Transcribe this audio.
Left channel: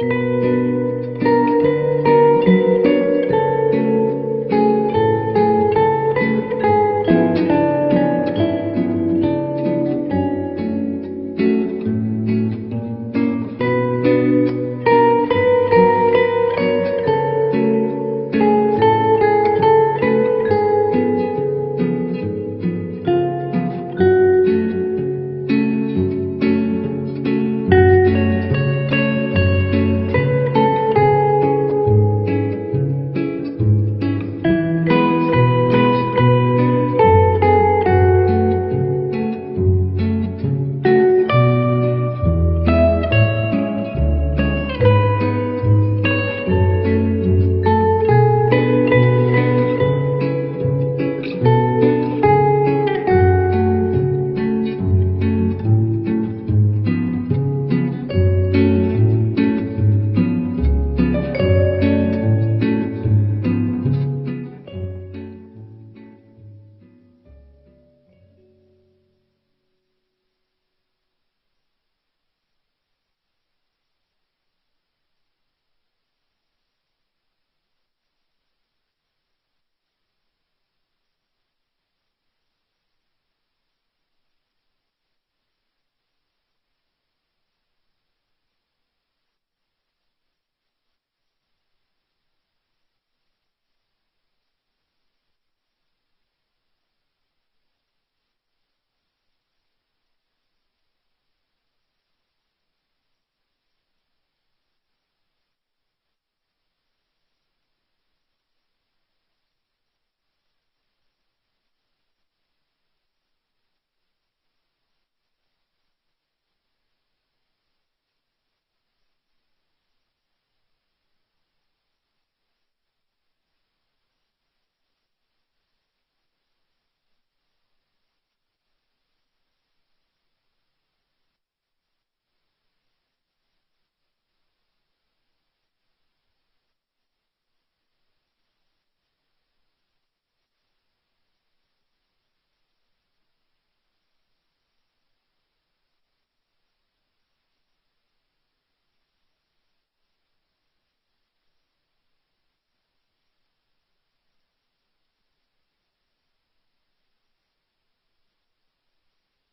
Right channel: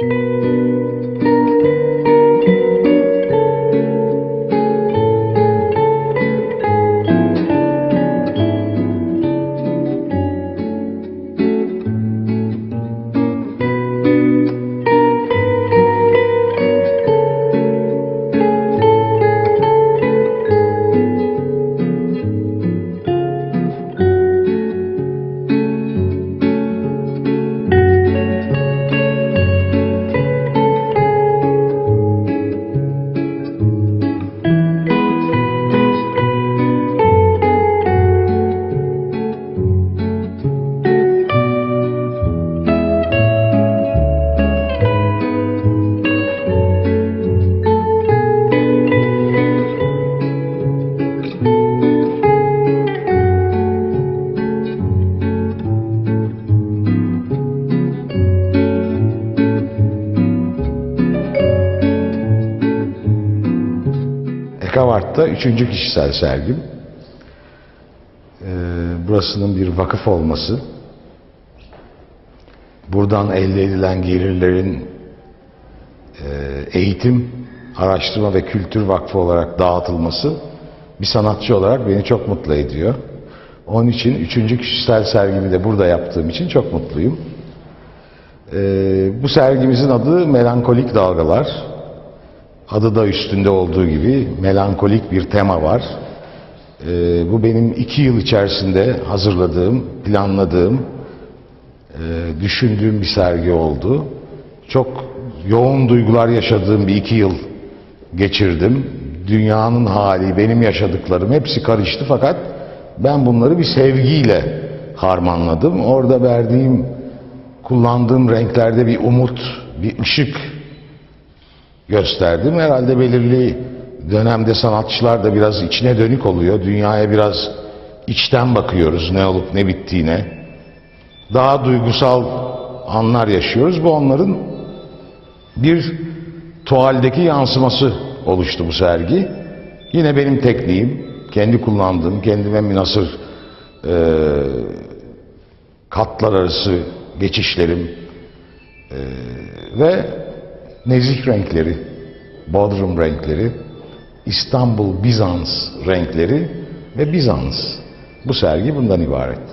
Música Ekavart'ta üçüncü kişisel sergim. Ee, burasının bir vakıf olması, buradan elde edilen gelirlerin e, eğitim, araştırma ve kültür vakfı olarak dağıtılması bir sanatçı olarak beni çok mutlu ediyor. Onun için üçüncü kişisel sergimi de burada yaptığım için çok mutluyum. Ee, bu sergimizin adı Melankolik Dalgalar. Adı da üstünde olduğu gibi melankolik bir tema var. Ee, bu benim iki yıl içerisinde hazırladığım, planladığım, e, düşündüğüm bir sergi oldu. Çok yoğun duygular yaşadığım bir iki yıl geçirdim. Dünyanın hali, benim yaşadıklarım hepsi karıştı fakat ben bunları bir sevgiyle harmanladım. Orada verdiğim, kullandığım renklerde bir umut, bir ışık gösterdim. Herhalde belirli dönemde sanatçılar da biraz içine dönük oluyor. Dünyaya biraz içten bakıyoruz ne olup ne bittiğine. Daha duygusal anlar yaşıyoruz. Bu onların bir tuvaldeki yansıması oluştu bu sergi. Yine benim tekniğim, kendi kullandığım, kendime münasır e, katlar arası geçişlerim e, ve nezih renkleri, Bodrum renkleri, İstanbul Bizans renkleri ve Bizans. Bu sergi bundan ibaret.